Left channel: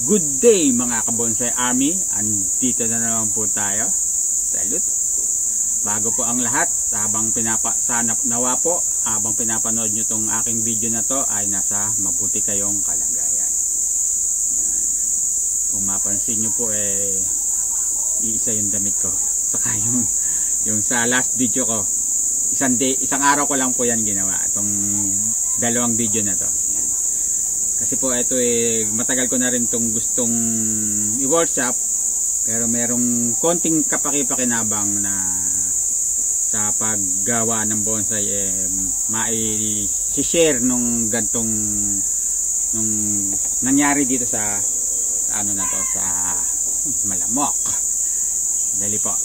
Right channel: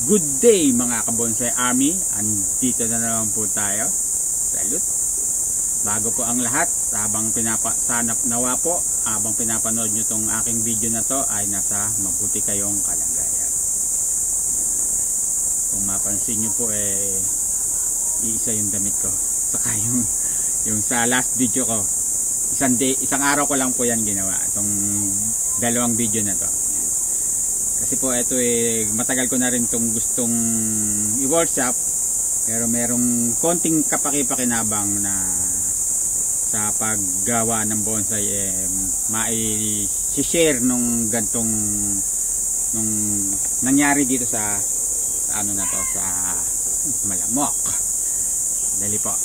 Good day mga kabonsai army, andito na naman po tayo. Salute. Bago po ang lahat, habang nawa po, habang pinapanood nyo tong aking video na to ay nasa mabuti kayong kalagayan. Kung mapansin nyo po iisa yung damit ko. Saka yung sa last video ko, isang araw ko lang po yan ginawa, itong dalawang video na to. Kasi po ito matagal ko na rin itong gustong i-workshop, pero merong konting kapaki-pakinabang na sa paggawa ng bonsai mai-share nung gantong nung nangyari dito sa ano na to, sa Malamok. Dali po,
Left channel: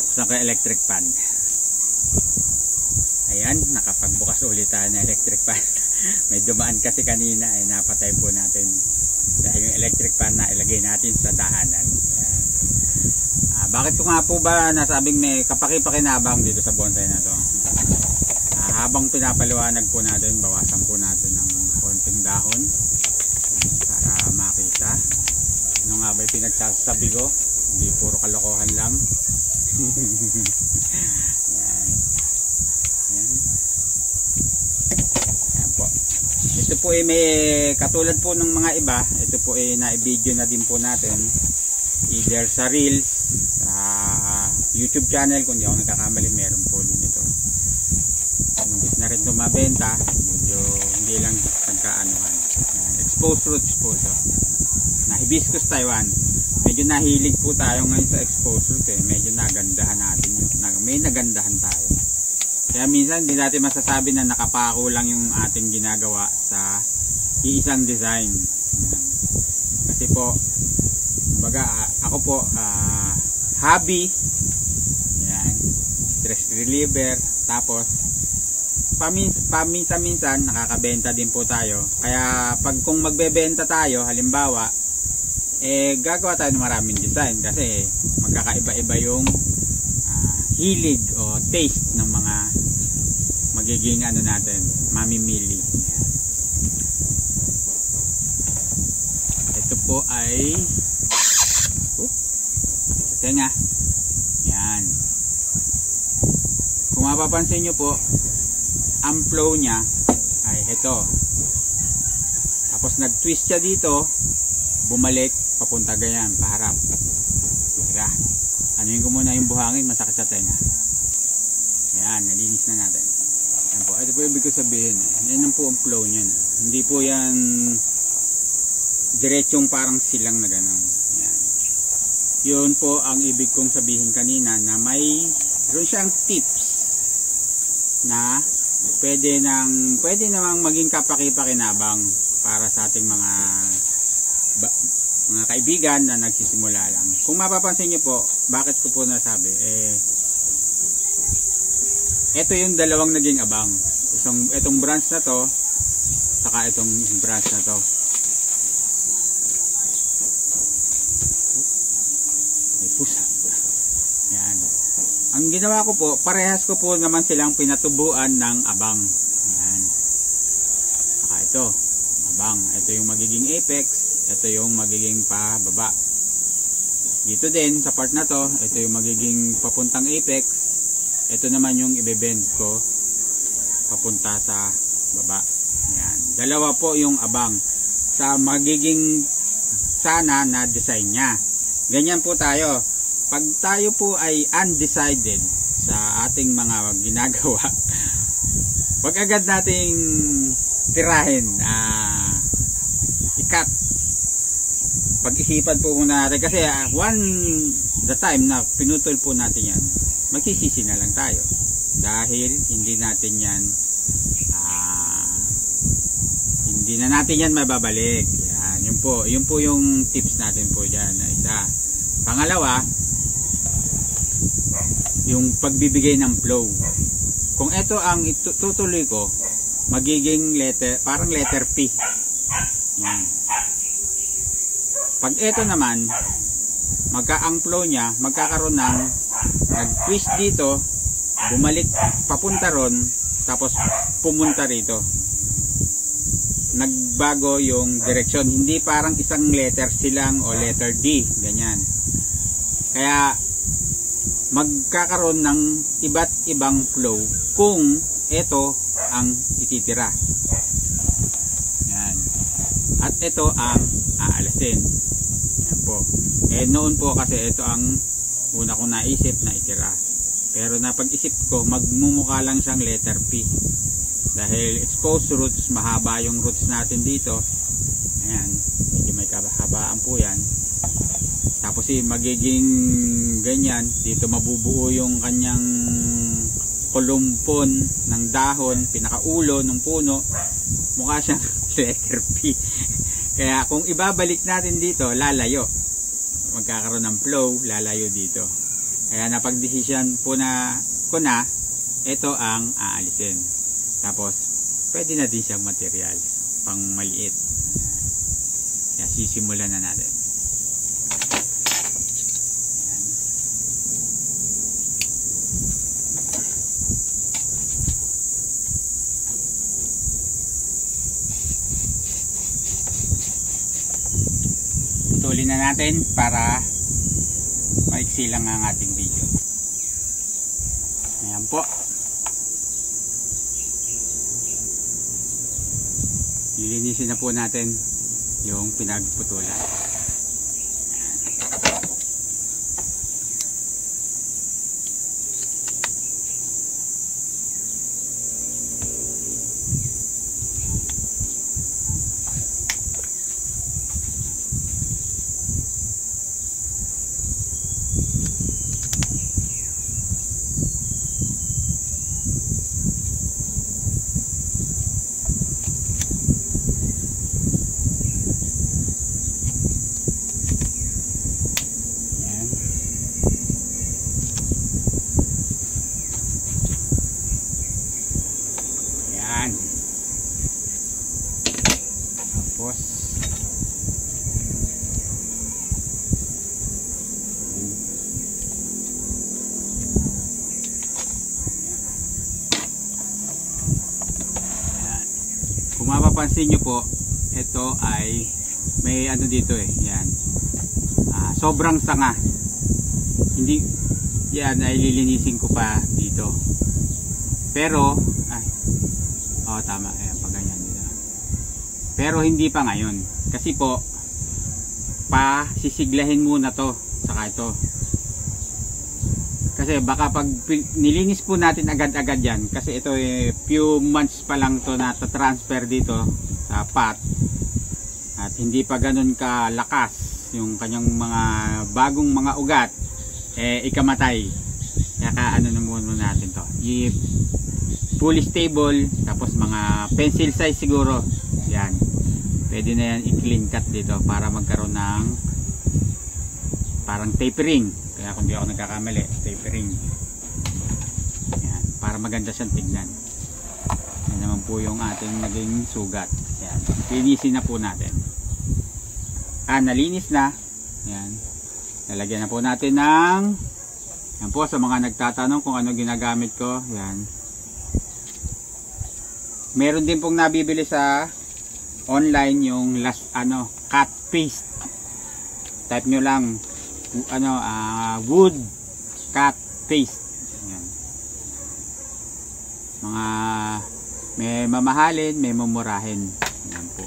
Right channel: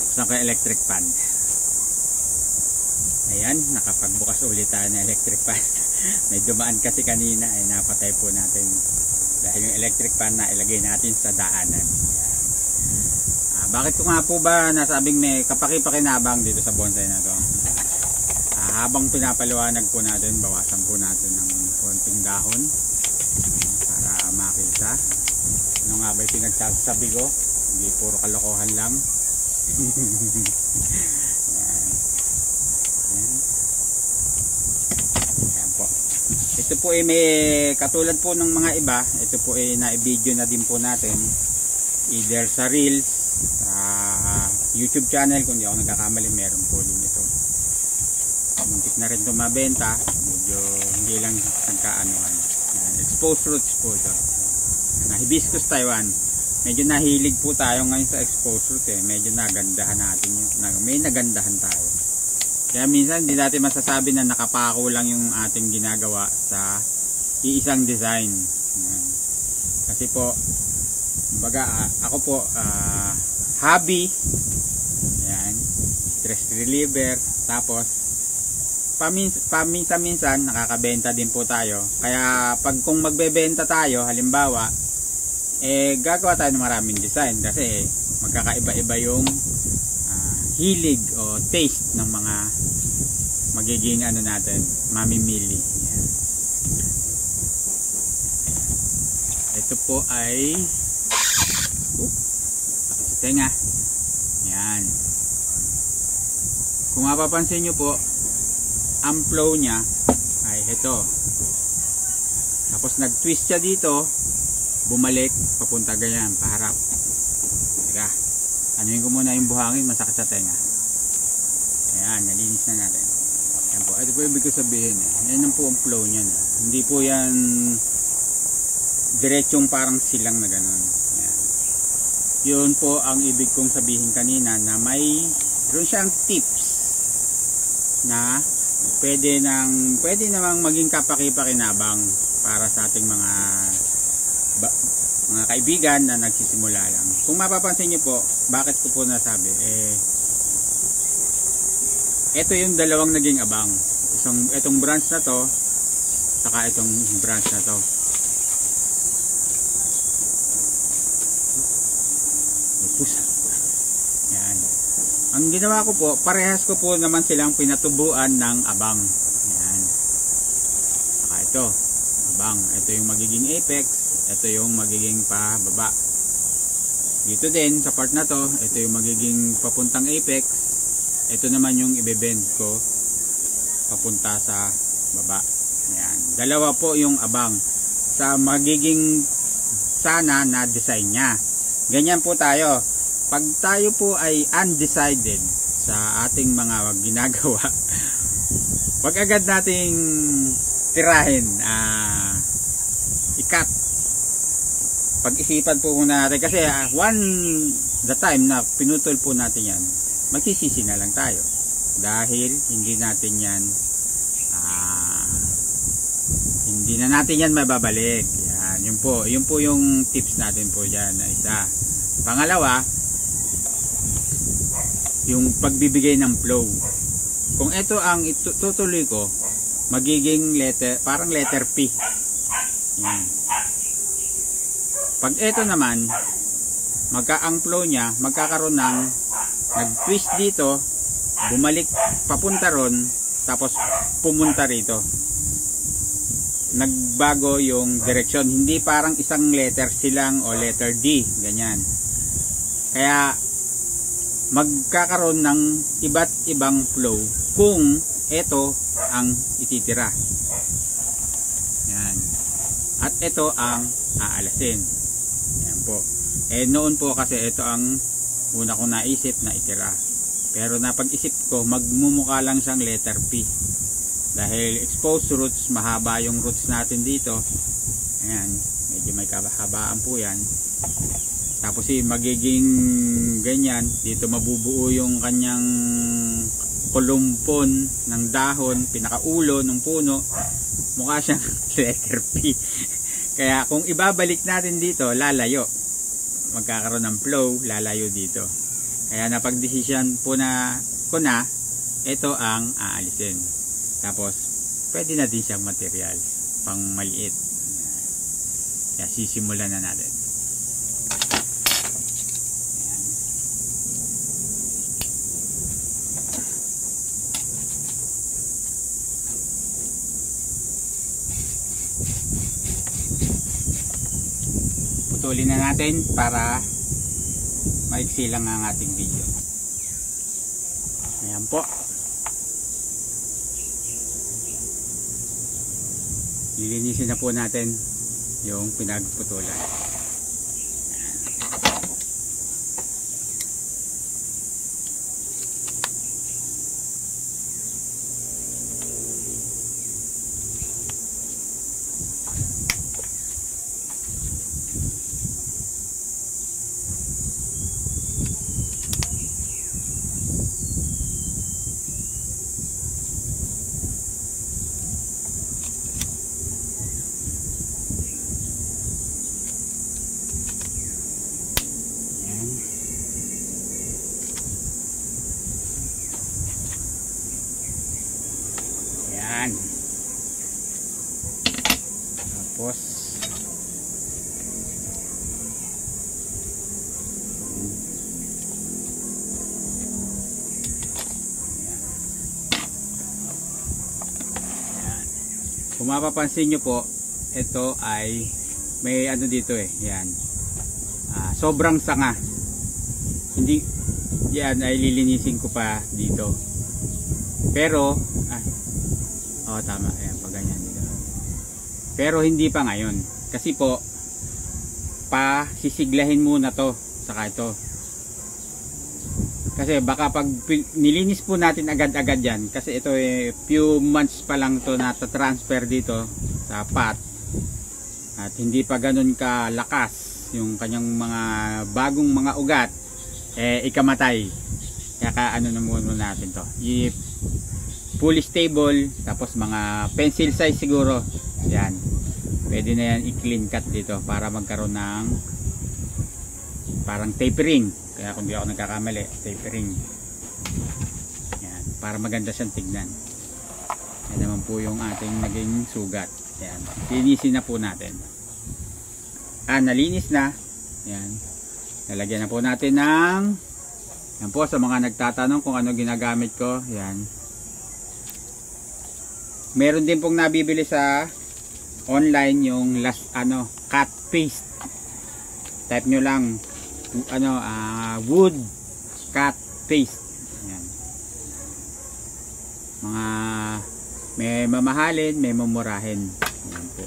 buksan ko yung electric fan. Ayan, nakapagbukas ulit tayo ng electric fan. May dumaan kasi kanina ay napatay po natin dahil yung electric fan na ilagay natin sa dahanan. Bakit ko nga po ba nasabing may kapaki-pakinabang dito sa bonsai na to? Habang pinapaliwanag po natin, bawasan po natin ng konting dahon para makita ano nga ba yung pinagsasabi ko, hindi puro kalokohan lang. Yan. Yan. Ito po may katulad po ng mga iba, ito po na-video na din po natin either sa Reels, sa YouTube channel, kung di ako nagkakamali meron po din ito. Muntik na rin ito mabenta, medyo hindi lang nagkaanuhan. Exposed roots po ito na Hibiscus Taiwan. Medyo nahilig po tayo ngayon sa exposed root, medyo nagandahan natin may nagandahan tayo. Kaya minsan hindi natin masasabi na nakapako lang yung ating ginagawa sa iisang design. Kasi po, baga ako po, hobby, yan, stress reliever, tapos paminsan-minsan nakakabenta din po tayo. Kaya pag kung magbebenta tayo, halimbawa, gagawa tayo ng maraming design kasi magkakaiba-iba yung hilig o taste ng mga magiging ano natin, mamimili. Yan. Ito po ay tenga. Yan. Kung mapapansin nyo po, ang flow nya ay ito. Tapos nag-twist siya dito, bumalik, papunta ganyan, paharap. Tira. Anuin ko muna yung buhangin, masakit sa tenga. Ayan, nalinis na natin. Ayan po, ito po yung ibig ko sabihin. Yan po ang flow niyan. Hindi po yan diretsong parang silang na gano'n. Ayan. Yun po ang ibig kong sabihin kanina na mayroon siyang tips na pwede namang maging kapaki-pakinabang para sa ating mga kaibigan na nagsisimula lang. Kung mapapansin niyo po, bakit ko po nasabi? Ito yung dalawang naging abang. Itong branch na to, saka itong branch na to. Yan. Ang ginawa ko po, parehas ko po naman silang pinatubuan ng abang. Yan. Saka ito, abang. Ito yung magiging apex. Ito yung magiging pababa. Dito din sa part na to, ito yung magiging papuntang apex. Ito naman yung ibebend ko papunta sa baba. Ayan. Dalawa po yung abang sa magiging sana na design nya. Ganyan po tayo. Pag tayo po ay undecided sa ating mga ginagawa, wag agad nating tirahin, ikat. Pag-isipan po muna natin kasi the time na pinutol po natin yan, magsisisi na lang tayo dahil hindi na natin yan mababalik. Yan, yun po yung tips natin po dyan na isa. Pangalawa, yung pagbibigay ng flow. Kung ito ang itutuloy ko, magiging parang letter P. Yan. Pag ito naman, ang flow nya, magkakaroon ng nag-twist dito, bumalik papunta ron, tapos pumunta rito. nagbago yung direksyon. Hindi parang isang letter silang o letter D, ganyan. Kaya magkakaroon ng iba't ibang flow kung ito ang ititira. Yan. At ito ang aalasin. Yan po. Noon po kasi ito ang una kong naisip na itira. Pero napag-isip ko, magmumukha lang siyang letter P. Dahil exposed roots, mahaba yung roots natin dito. Ayan, medyo may kahabaan po yan. Tapos magiging ganyan, dito mabubuo yung kanyang kulumpon ng dahon, pinakaulo ng puno. Mukha siyang letter P. Kaya kung ibabalik natin dito, lalayo. Magkakaroon ng flow, lalayo dito. Kaya napagdesisyon po ko na ito ang aalisin. Tapos pwede na din siyang material pang maliit. Kaya sisimulan na natin. Putulin na natin para maiksi lang ang ating video. Ayan po. Lilinisin na po natin yung pinagputulan. Tapos kung mapapansin nyo po, ito ay may ano dito yan, sobrang sanga. Hindi yan ay lilinisin ko pa dito, pero tama, ayan, pag ganyan dito. Pero hindi pa ngayon kasi po sisiglahin muna to saka ito, kasi baka pag nilinis po natin agad-agad yan, kasi ito few months pa lang to na transfer dito sa pot at hindi pa ganun kalakas yung kanyang mga bagong mga ugat, ikamatay. Kaya ano na muna natin to, fully stable, tapos mga pencil size siguro yan, pwede na yan i-clean cut dito para magkaroon ng parang tapering. Kaya kung di ako nagkakamali, tapering yan, para maganda siyang tignan. Yan naman po yung ating naging sugat. Yan, linisin na po natin. Nalinis na yan, lalagyan na po natin ng yan po, sa mga nagtatanong kung ano ginagamit ko, yan, meron din pong nabibili sa online yung cut paste. Type nyo lang wood cut paste. Ayan. Mga may mamahalin, may mumurahin. Ayan po.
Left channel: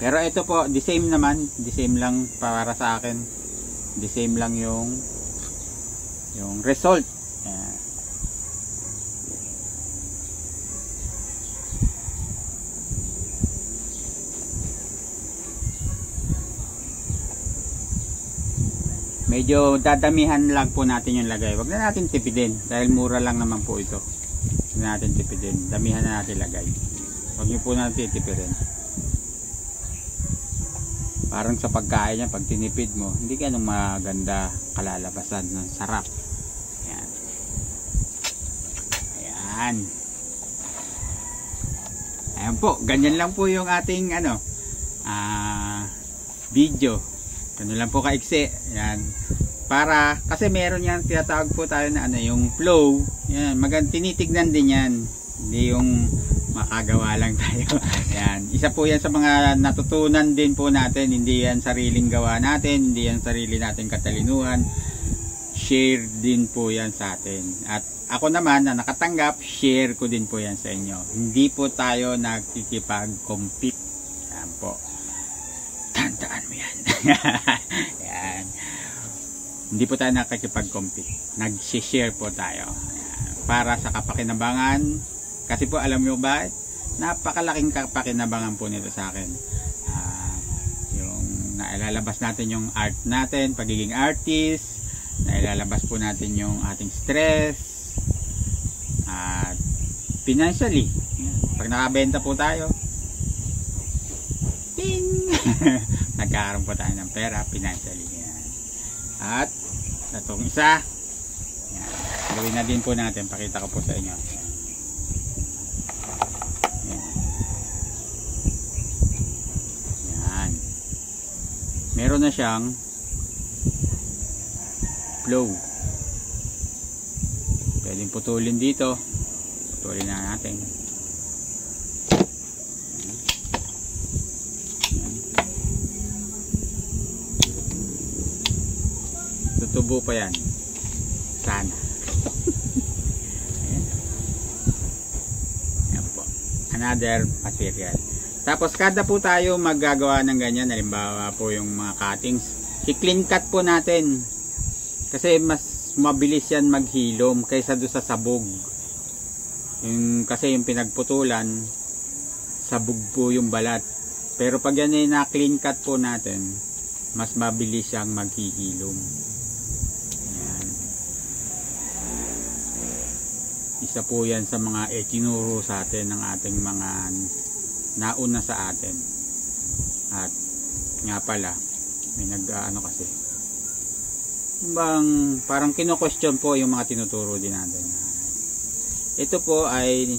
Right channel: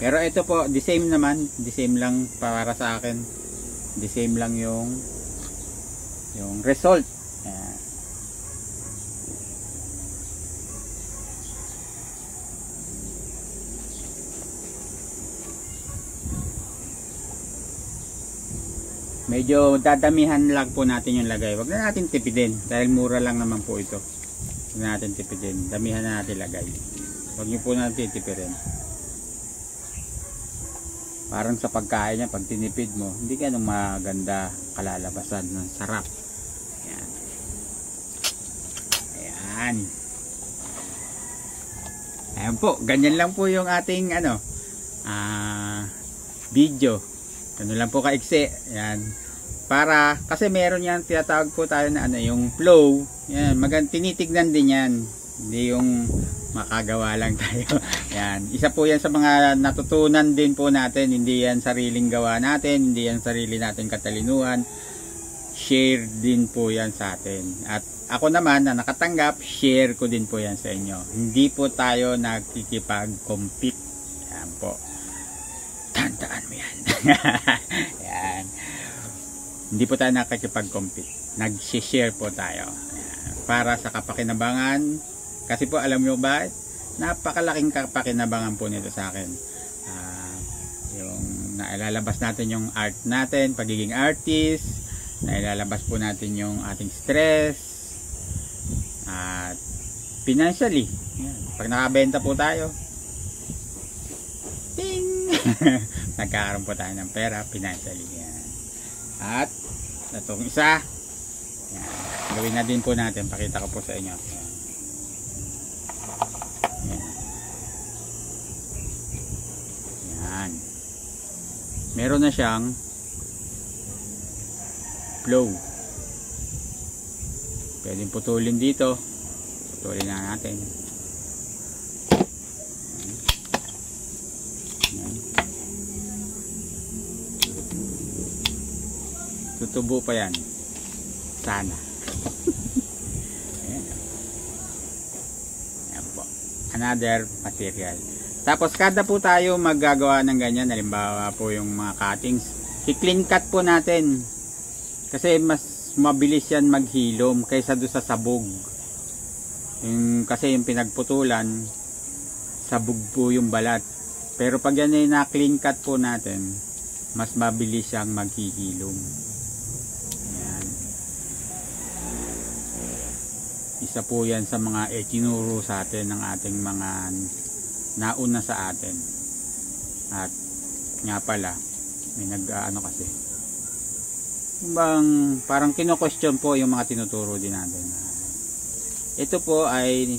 Pero ito po, the same naman, the same lang para sa akin. The same lang yung result. Ayan. Medyo dadamihan lang po natin yung lagay. Wag na natin tipidin dahil mura lang naman po ito. Wag na natin tipidin. Damihan na natin lagay. Wag niyo po natin tipirin. Parang sa pagkain niya, pag tinipid mo, hindi ka nung maganda kalalabasan ng sarap. Ayan. Ayan. Ayan po. Ganyan lang po yung ating video. Ano lang po kaiksi. Yan. Kasi meron yan, tinatawag po tayo na yung flow. Yan, tinitignan din yan. Hindi yung makagawa lang tayo. Yan. Isa po yan sa mga natutunan din po natin. Hindi yan sariling gawa natin. Hindi yan sarili natin katalinuhan. Share din po yan sa atin. At ako naman na nakatanggap, share ko din po yan sa inyo. Hindi po tayo nagkikipag-compete. Yan po. Tandaan mo yan. Yan. Hindi po tayo nakikipag-compete. Nag-share po tayo. Yan. Para sa kapakinabangan. Kasi po alam nyo ba, napakalaking kapakinabangan po nito sa akin. Yung nailalabas natin yung art natin, pagiging artist, nailalabas po natin yung ating stress, at financially, pag nakabenta po tayo, ting! Nagkakaroon po tayo ng pera financially. Yan. At itong isa, yan. Gawin na din po natin, pakita ko po sa inyo. Yan. Yan. Meron na siyang flow. Pwedeng putulin dito. Putulin na natin. Yan. Tutubo pa yan. Sana. Ayan. Ayan po. Another material. Tapos kada po tayo maggagawa ng ganyan, halimbawa po yung mga cuttings, i-clean cut po natin. Kasi mas mabilis yan maghilom kaysa doon sa sabog. Kasi yung pinagputulan, sabog po yung balat. Pero pag yan ay na-clean cut po natin, mas mabilis siyang maghihilom. Ayan. Isa po yan sa mga itinuro sa atin ng ating mga nauna sa atin. At nga pala, may nag-ano kasi, bang parang kino-question po yung mga tinuturo din natin. Ito po ay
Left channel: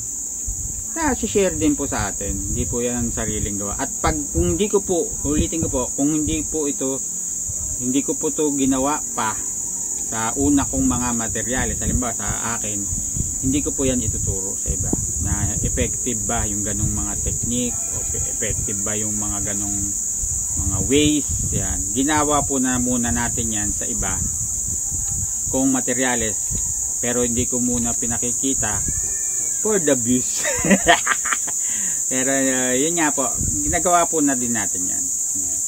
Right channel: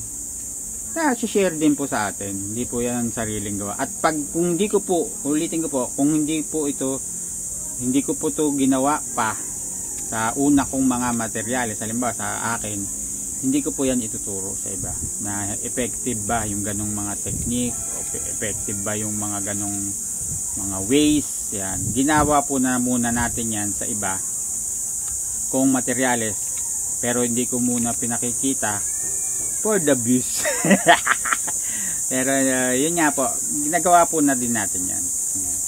share din po sa atin. Hindi po yan sariling gawa. At pag kung hindi ko po, ulitin ko po, kung hindi po ito, hindi ko po ito ginawa pa sa una kong mga materyales, halimbawa sa akin, hindi ko po yan ituturo sa iba na effective ba yung ganong mga technique o effective ba yung mga ganong mga ways. Yan. Ginawa po na muna natin yan sa iba kung materyales, pero hindi ko muna pinakikita for the views. Pero yun nga po, ginagawa po na din natin yan. Yan.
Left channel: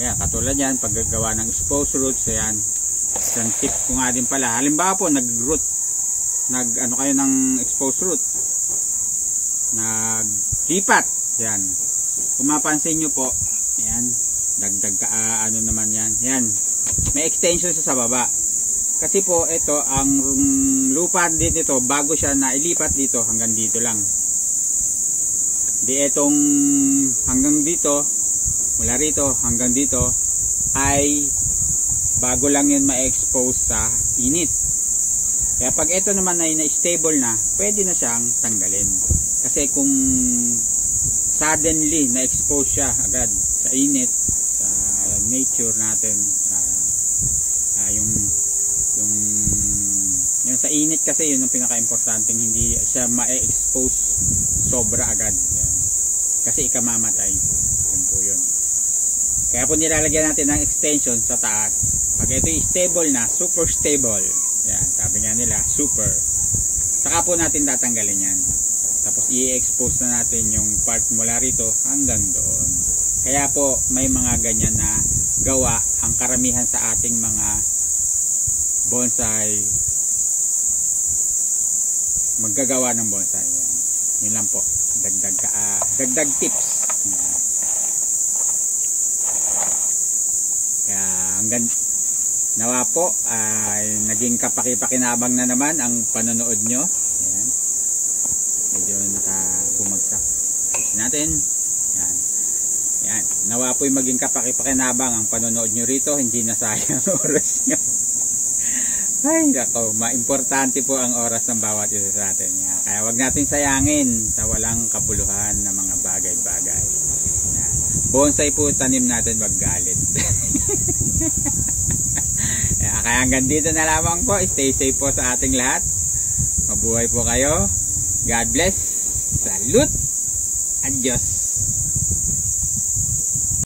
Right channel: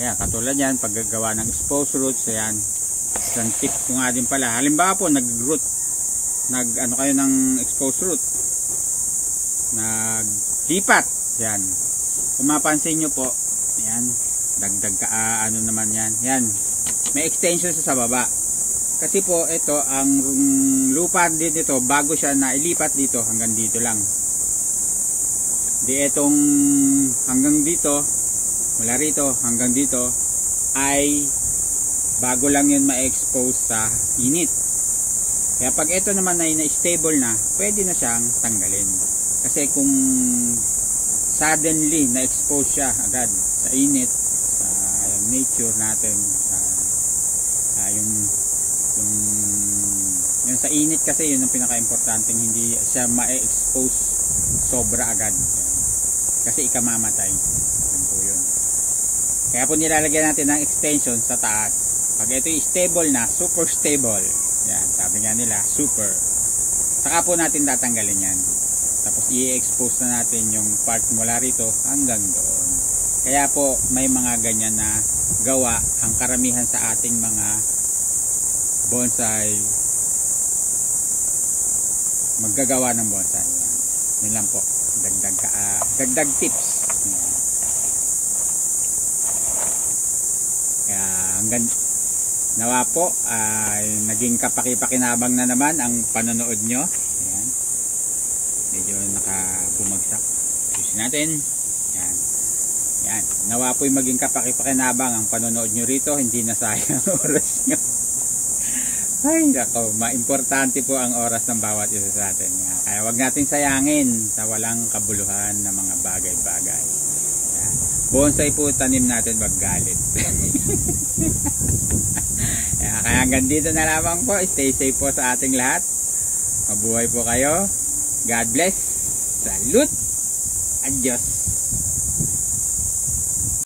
Ayan, katulad yan, paggagawa ng exposed roots. Ayan, isang tip ko nga din pala, halimbawa po ano kayo ng exposed root, naglipat yan, kung mapansin nyo po, yan, dagdag ka, ano naman yan, yan, may extension sa baba. Kasi po ito, ang lupa dito, bago siya nailipat dito, hanggang dito lang. Di etong hanggang dito, mula rito hanggang dito ay bago lang yun ma-expose sa init. Kaya pag ito naman ay na-stable na, pwede na siyang tanggalin. Kasi kung suddenly na-expose siya agad sa init, sa nature natin, yung sa init kasi yun ang pinaka-importanting, hindi siya ma-expose sobra agad. Kasi ikamamatay. Yun po yun. Kaya po nilalagyan natin ng extension sa taas. Pag ito stable na, super stable. Yan, sabi nga nila, super. Saka po natin tatanggalin yan. Tapos i-expose na natin yung part mula rito hanggang doon. Kaya po may mga ganyan na gawa ang karamihan sa ating mga bonsai, maggagawa ng bonsai. Yan. Yun lang po. Dagdag tips. Yan. Kaya hanggang nawa po ay naging kapaki-pakinabang na naman ang panonood nyo. Ayan. Medyo nakabumagsak. Pusin natin. Ayan. Ayan. Nawa po ay maging kapaki-pakinabang ang panonood nyo rito. Hindi na sayang oras nyo. Ay, nako, maimportante po ang oras ng bawat isa sa atin. Ayan. Kaya wag natin sayangin sa walang kabuluhan na mga bagay-bagay. Ayan. Bonsai po tanim natin, wag galit. Kaya hanggang dito na lamang po. Stay safe po sa ating lahat. Mabuhay po kayo. God bless. Salute. Adios.